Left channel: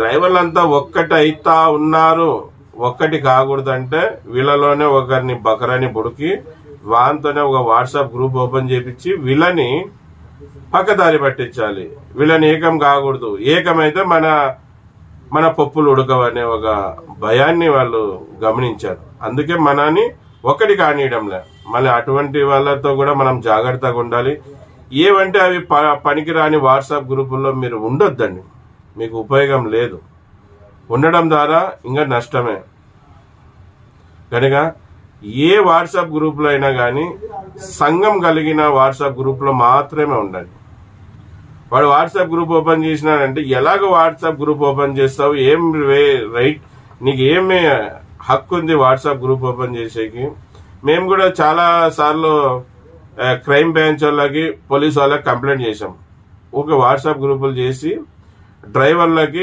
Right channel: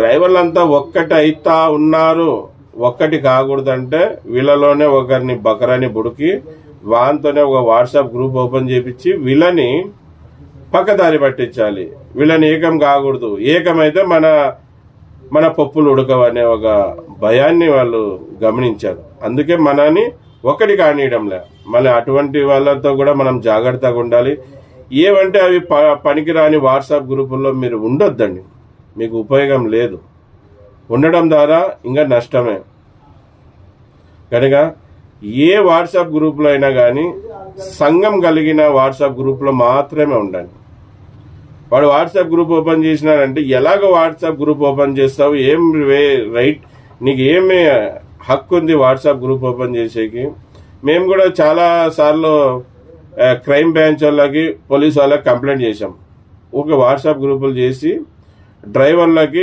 డ్రైవర్లంతా ఒక్కటి అయితా ఉన్నారు, ఒక్కటి కాకూడదంటే వీళ్ళలోనే ఒకరిని బకరాని బుడికి వాంతోనే ఒక వాట్సాప్ గ్రూప్ ఓపెన్ చేపించి వీళ్ళని పక్కదారి పట్టించాలి. వీళ్ళని ఏకం కాకూడదు, ఏకమైతే మన పప్పులు ఉడకవనే ఒక భయాన్ని వాళ్ళు గమనించారు. అందుకే మనని ఒకటి కానియడంలే. మళ్ళీ అటువంటి వాళ్ళతో కూడా మనం జాగ్రత్తగా ఉండాలి. ఏవంటే అవి పనికిరాని వాట్సాప్ గ్రూపుల్లో మీరు ఉండొద్దండి, మీకు ఉపయోగం లేదు. ఉండడం ద్వారా ఇంకా నష్టమే. కనుక ఏ వాట్సాప్ గ్రూపులో అయినా కానీ సంఘం కలిగిన వాట్సాప్ గ్రూప్లో మాత్రమే ఉండండి. వాడు వాట్సాప్ గ్రూప్ ఓపెన్ చేసినాడంటే ఎలాగ వాట్సాప్ గ్రూప్ ఓపెన్ చేస్తావు, ఏం రైట్, నీకు ఏమి హక్కు ఉంది వాట్సాప్ గ్రూప్ ఓపెన్ చేసేకి? మేము కూడా చాలా సార్లు క్రైమ్ బ్రాంచ్ వాళ్ళకి, పోలీస్ వాళ్ళకి కంప్లైంట్ చేసాం. ఊరికే వాట్సాప్ గ్రూపులు చేసి డ్రైవర్లకి